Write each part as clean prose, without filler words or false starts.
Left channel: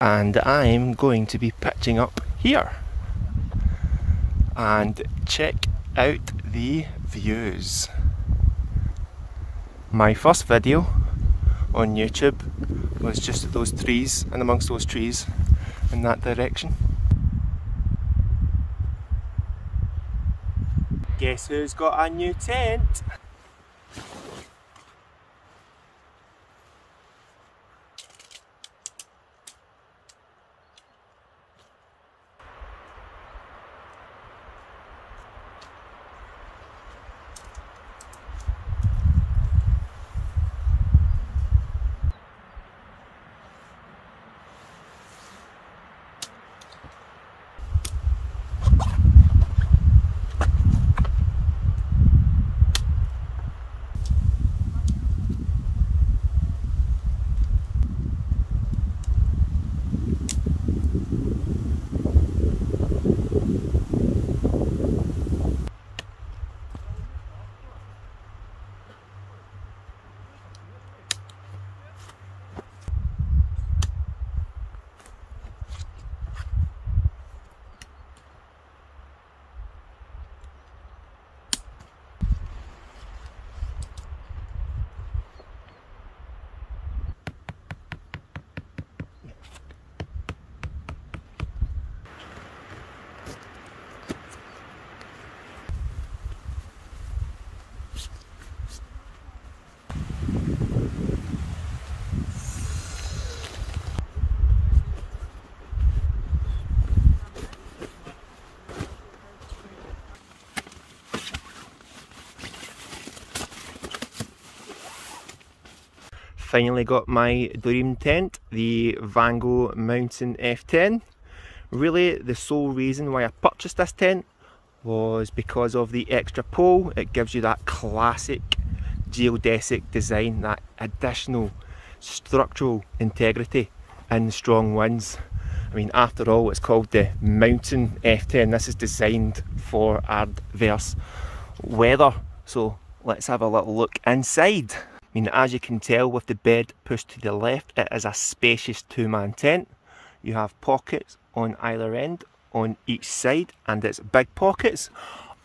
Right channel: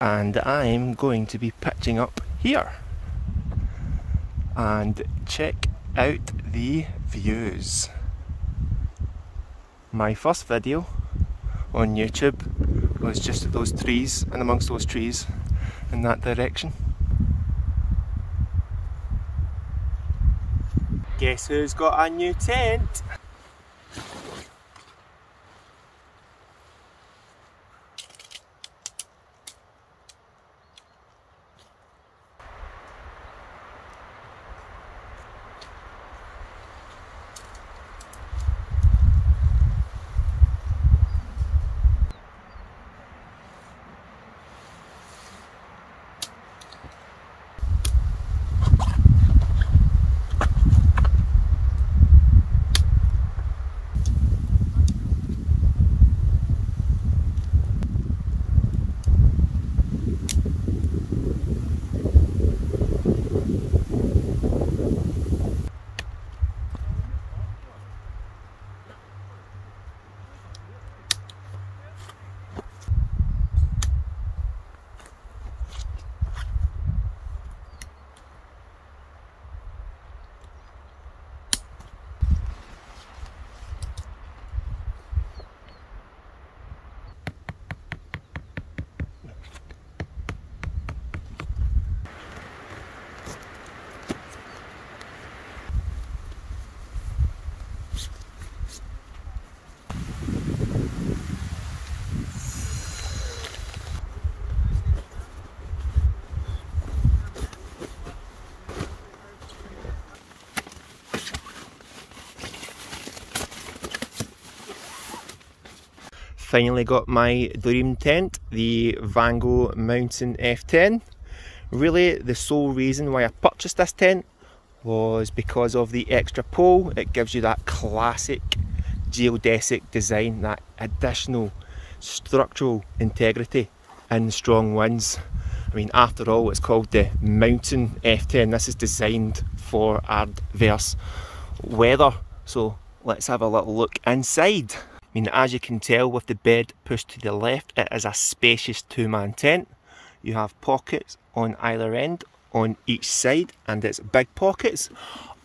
And I'm going to be pitching up here. And check out the views. My first video on YouTube was just at those trees, and amongst those trees in that direction. Guess who's got a new tent? Finally got my dream tent, the Vango MTN F10. Really, the sole reason why I purchased this tent was because of the extra pole. It gives you that classic geodesic design, that additional structural integrity in strong winds. I mean, after all, it's called the MTN F10. This is designed for adverse weather. So let's have a little look inside. I mean, as you can tell with the bed pushed to the left, it is a spacious two-man tent. You have pockets on either end, on each side, and it's big pockets.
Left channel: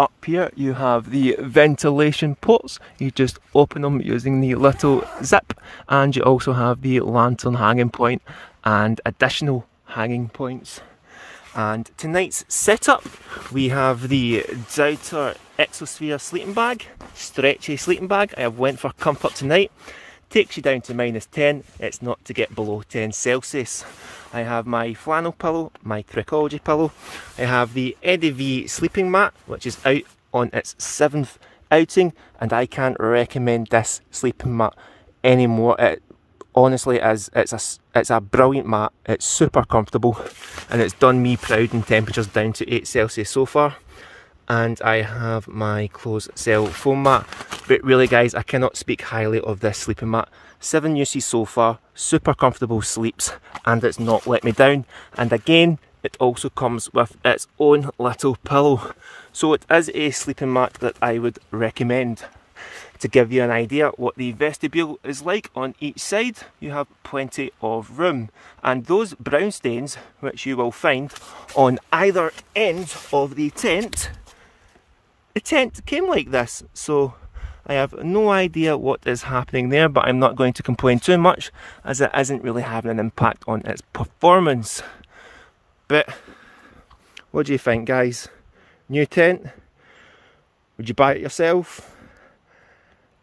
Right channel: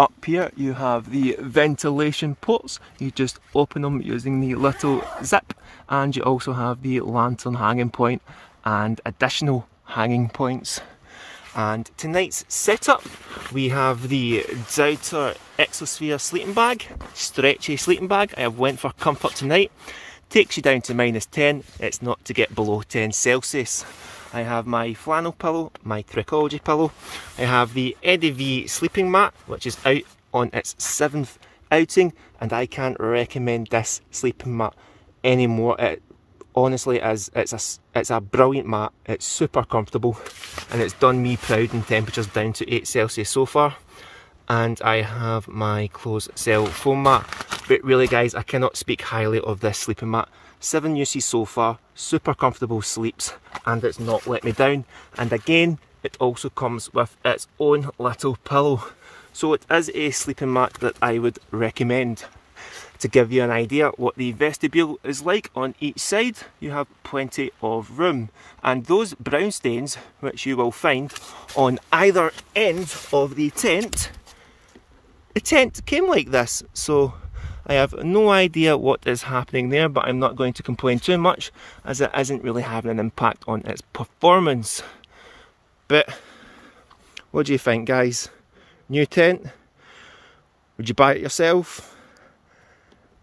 Up here you have the ventilation ports. You just open them using the little zip, and you also have the lantern hanging point and additional hanging points. And tonight's setup, we have the Didnt Exosphere sleeping bag, stretchy sleeping bag. I have went for comfort tonight. Takes you down to -10. It's not to get below 10 Celsius. I have my flannel pillow, my Trossachs pillow. I have the Eddie V sleeping mat, which is out on its 7th outing, and I can't recommend this sleeping mat anymore. It honestly is, it's a brilliant mat. It's super comfortable, and it's done me proud in temperatures down to 8 Celsius so far. And I have my closed cell foam mat. But really guys, I cannot speak highly of this sleeping mat. 7 uses so far, super comfortable sleeps, and it's not let me down. And again, it also comes with its own little pillow. So it is a sleeping mat that I would recommend. To give you an idea what the vestibule is like on each side, you have plenty of room. And those brown stains, which you will find on either end of the tent came like this. So I have no idea what is happening there, but I'm not going to complain too much, as it isn't really having an impact on its performance. But what do you think, guys? New tent? Would you buy it yourself?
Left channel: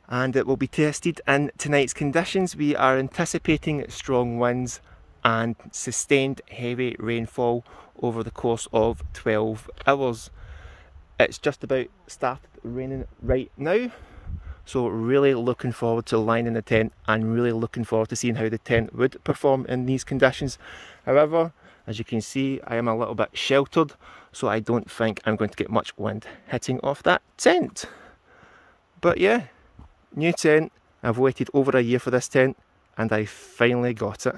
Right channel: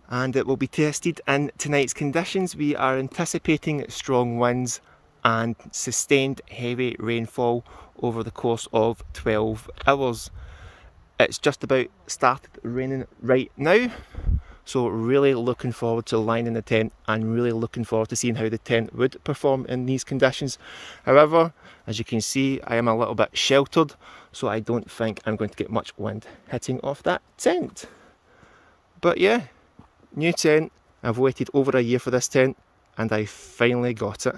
And it will be tested in tonight's conditions. We are anticipating strong winds and sustained heavy rainfall over the course of 12 hours. It's just about started raining right now, so really looking forward to lining the tent and really looking forward to seeing how the tent would perform in these conditions. However, as you can see, I am a little bit sheltered, so I don't think I'm going to get much wind hitting off that tent. But yeah, new tent. I've waited over a year for this tent, and I finally got it.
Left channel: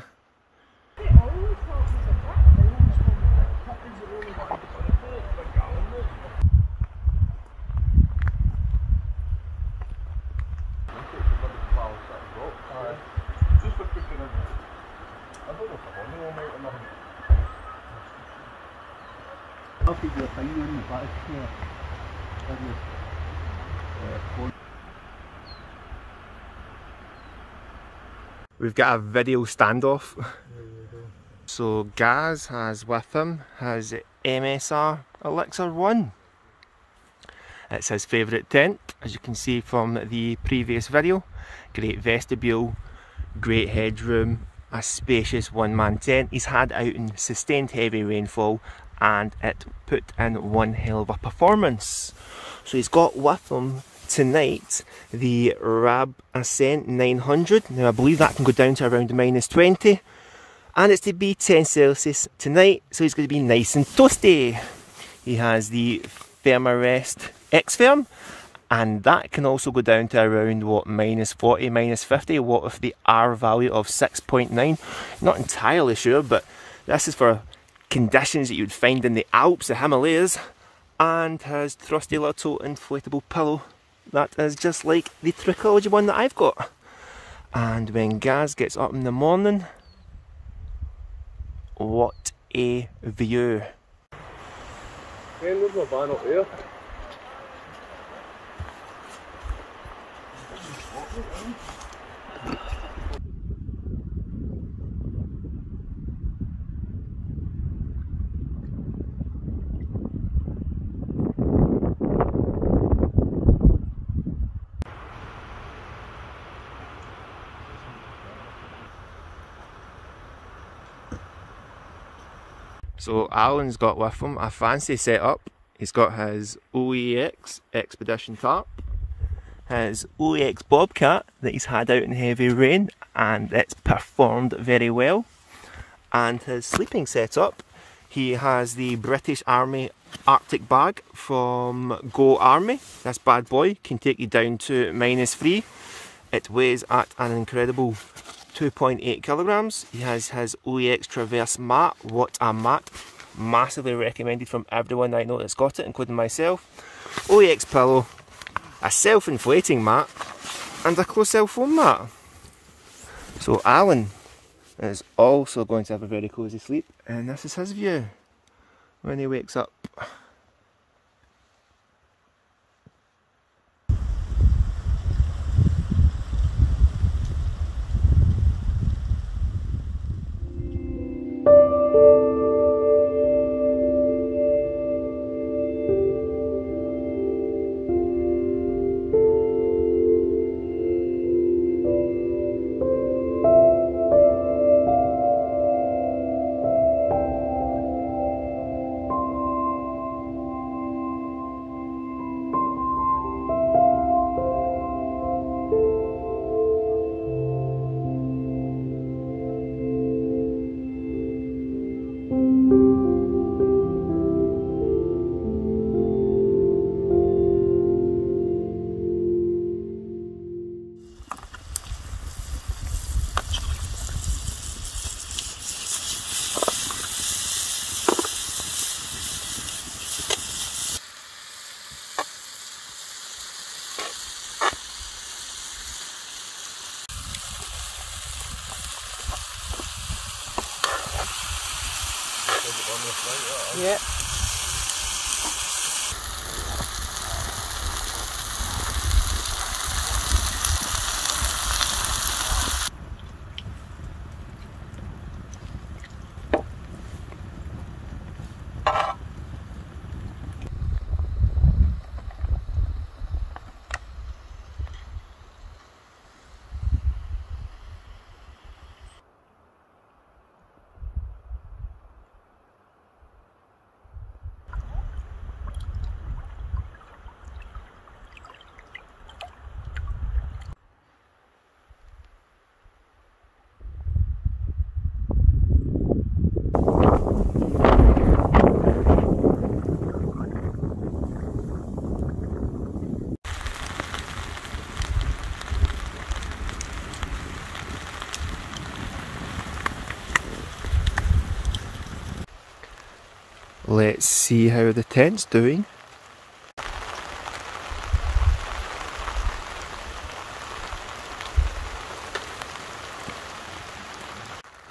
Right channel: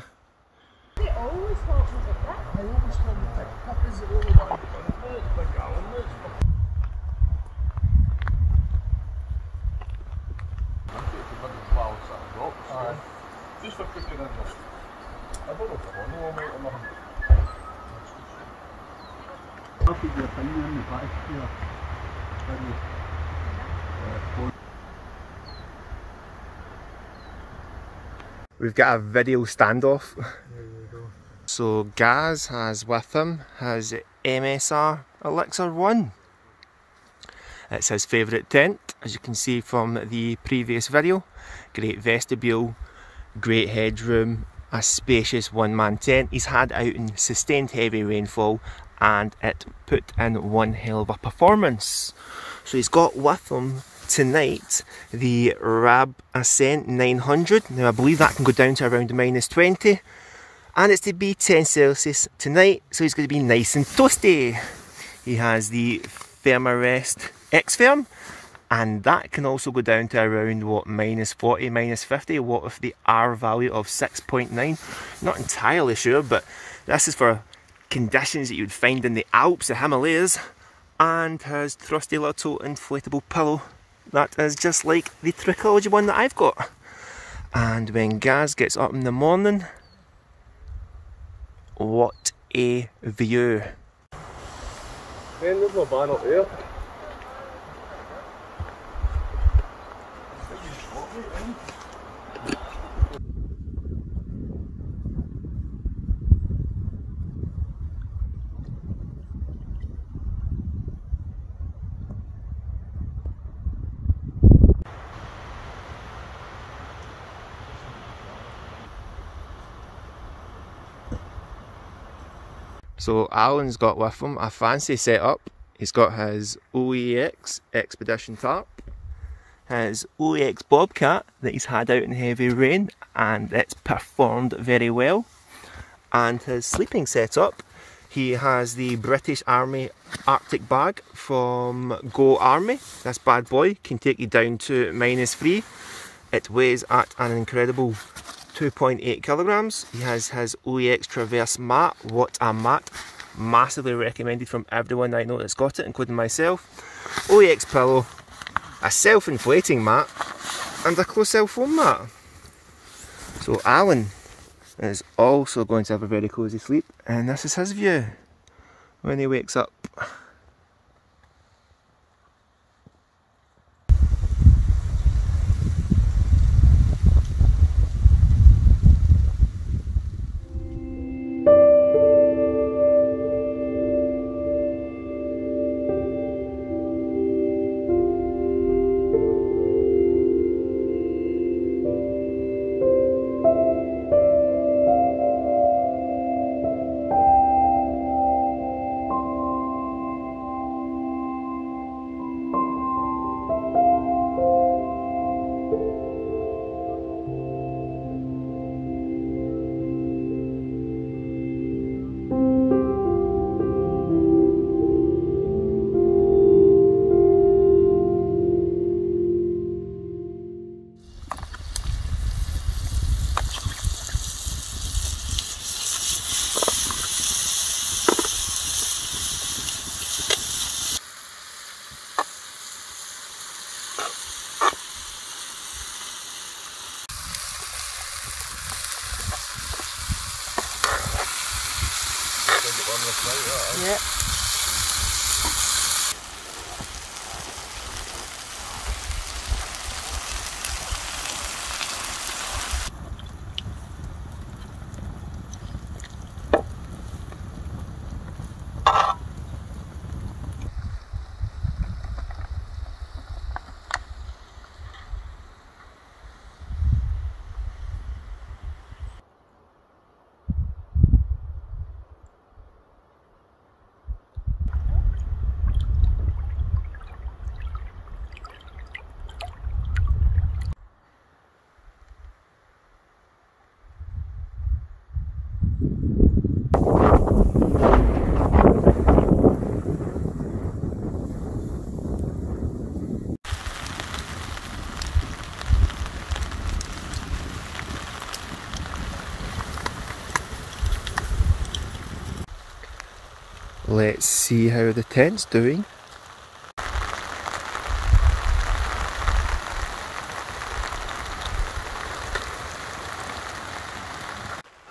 We've got a video standoff. So Gaz has with him his MSR Elixir 1. It's his favourite tent, as you can see from the previous video. Great vestibule, great headroom, a spacious one-man tent. He's had out in sustained heavy rainfall and it put in one hell of a performance. So he's got with him tonight the Rab Ascent 900. Now I believe that can go down to around -20, and it's to be 10 Celsius tonight, so he's going to be nice and toasty. He has the Thermarest X-Firm, and that can also go down to around what, -40, -50, what with the R value of 6.9. Not entirely sure, but this is for conditions that you'd find in the Alps, the Himalayas. And his trusty little inflatable pillow that is just like the Trichology one that I've got. And when Gaz gets up in the morning, what a view. There's my van up there. So Alan's got with him a fancy setup. He's got his OEX Expedition tarp, his OEX Bobcat that he's had out in heavy rain and it's performed very well, and his sleeping setup. He has the British Army Arctic bag from Go Army. This bad boy can take you down to -3. It weighs at an incredible 2.8 kilograms. He has his OEX Traverse mat. What a mat! Massively recommended from everyone I know that's got it, including myself. OEX pillow, a self-inflating mat, and a close cell foam mat. So Alan is also going to have a very cosy sleep, and this is his view when he wakes up. Yeah. Let's see how the tent's doing.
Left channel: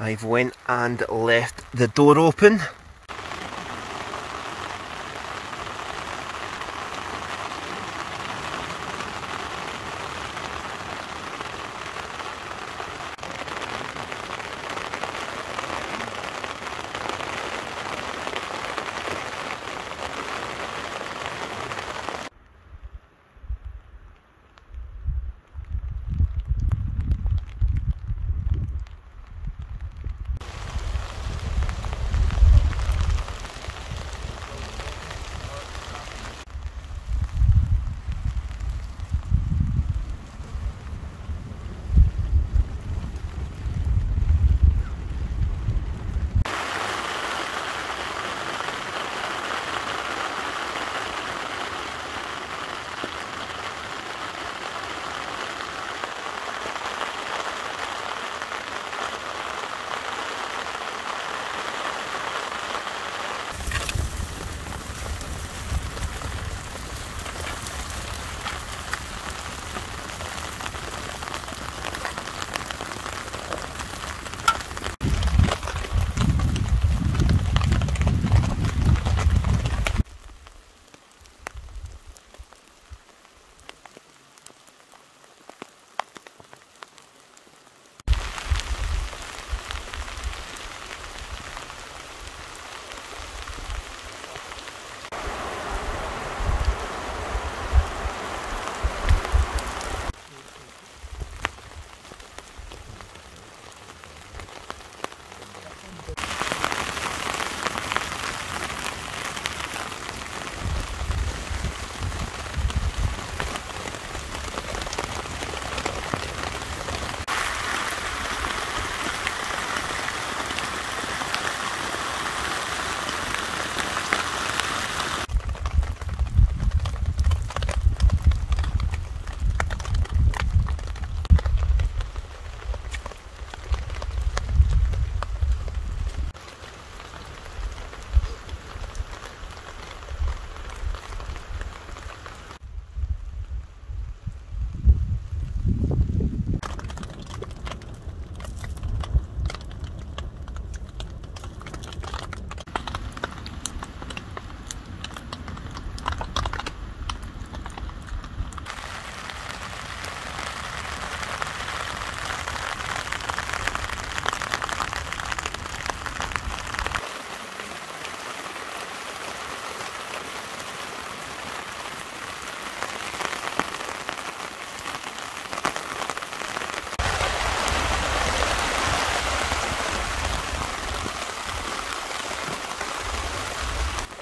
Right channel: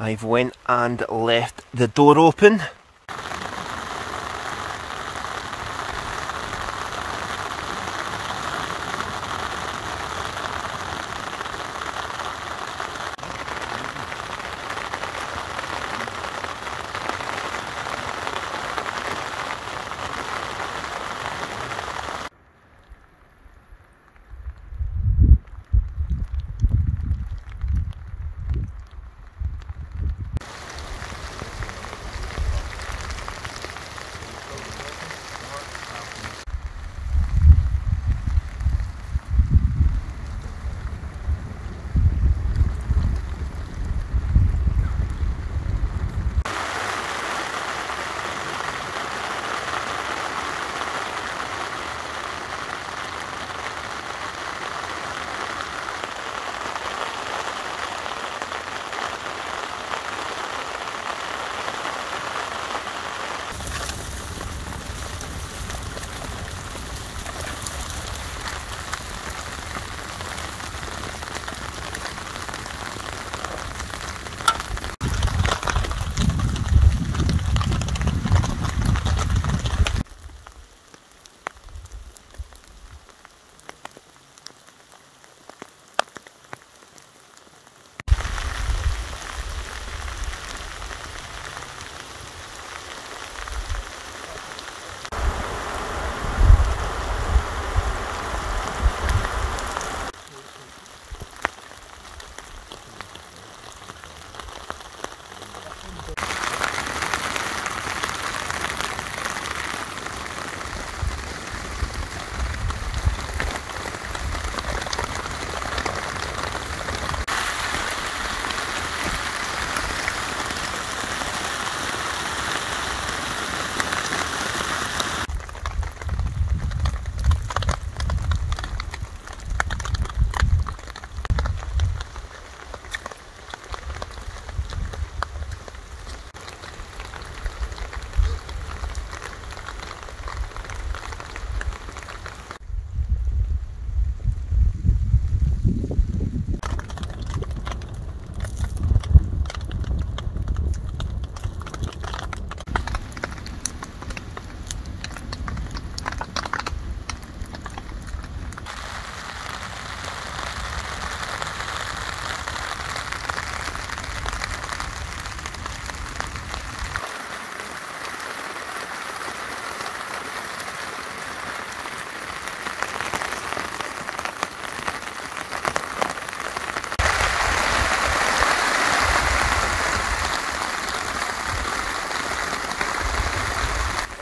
I've went and left the door open.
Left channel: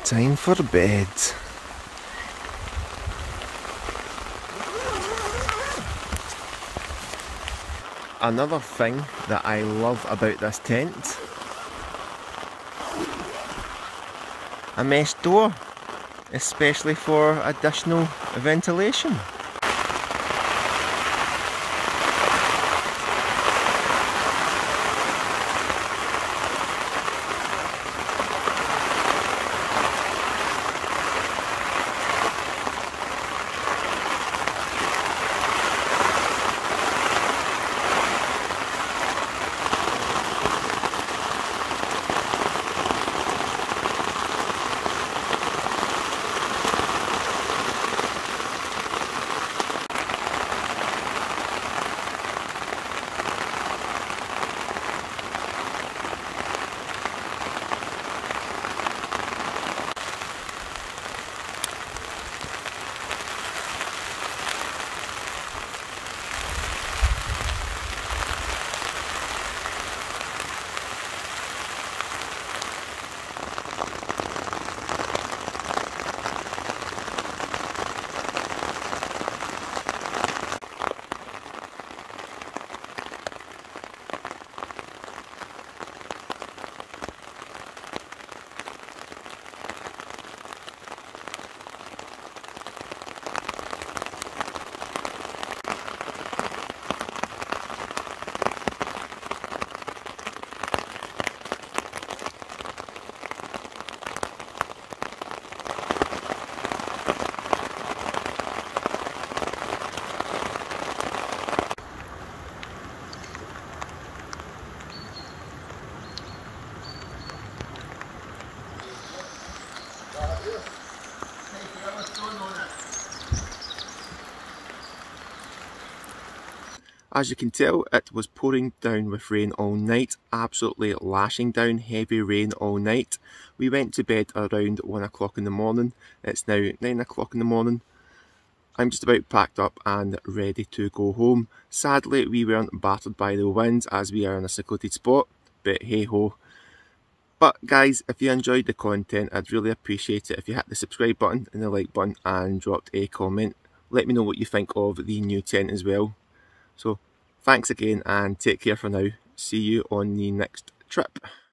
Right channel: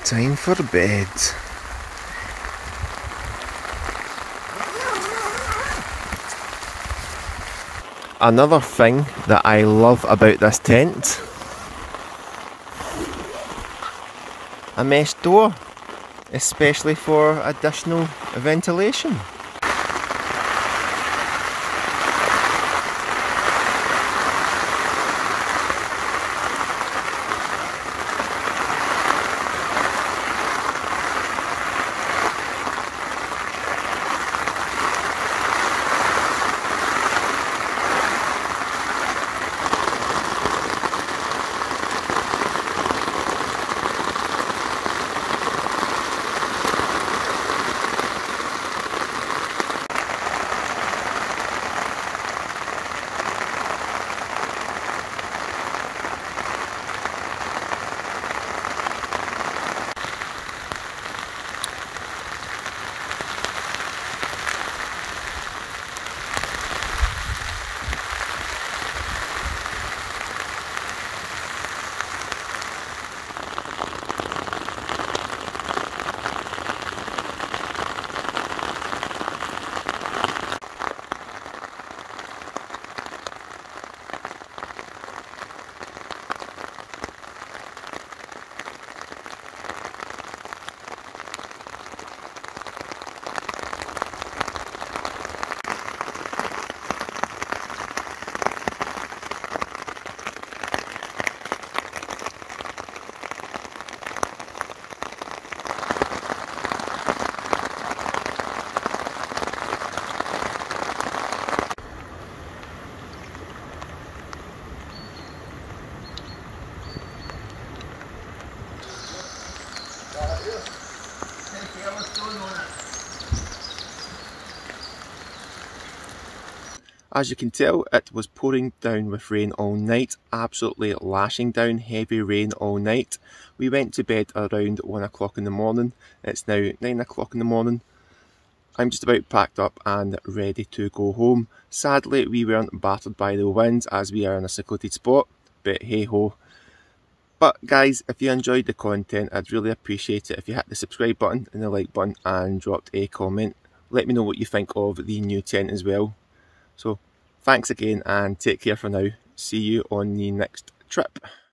Time for bed. Another thing that I love about this tent, a mesh door, especially for additional ventilation. As you can tell, it was pouring down with rain all night, absolutely lashing down, heavy rain all night. We went to bed around 1 o'clock in the morning. It's now 9 o'clock in the morning. I'm just about packed up and ready to go home. Sadly, we weren't battered by the winds as we are in a secluded spot, but hey ho. But guys, if you enjoyed the content, I'd really appreciate it if you hit the subscribe button and the like button and dropped a comment. Let me know what you think of the new tent as well. So thanks again and take care for now. See you on the next trip.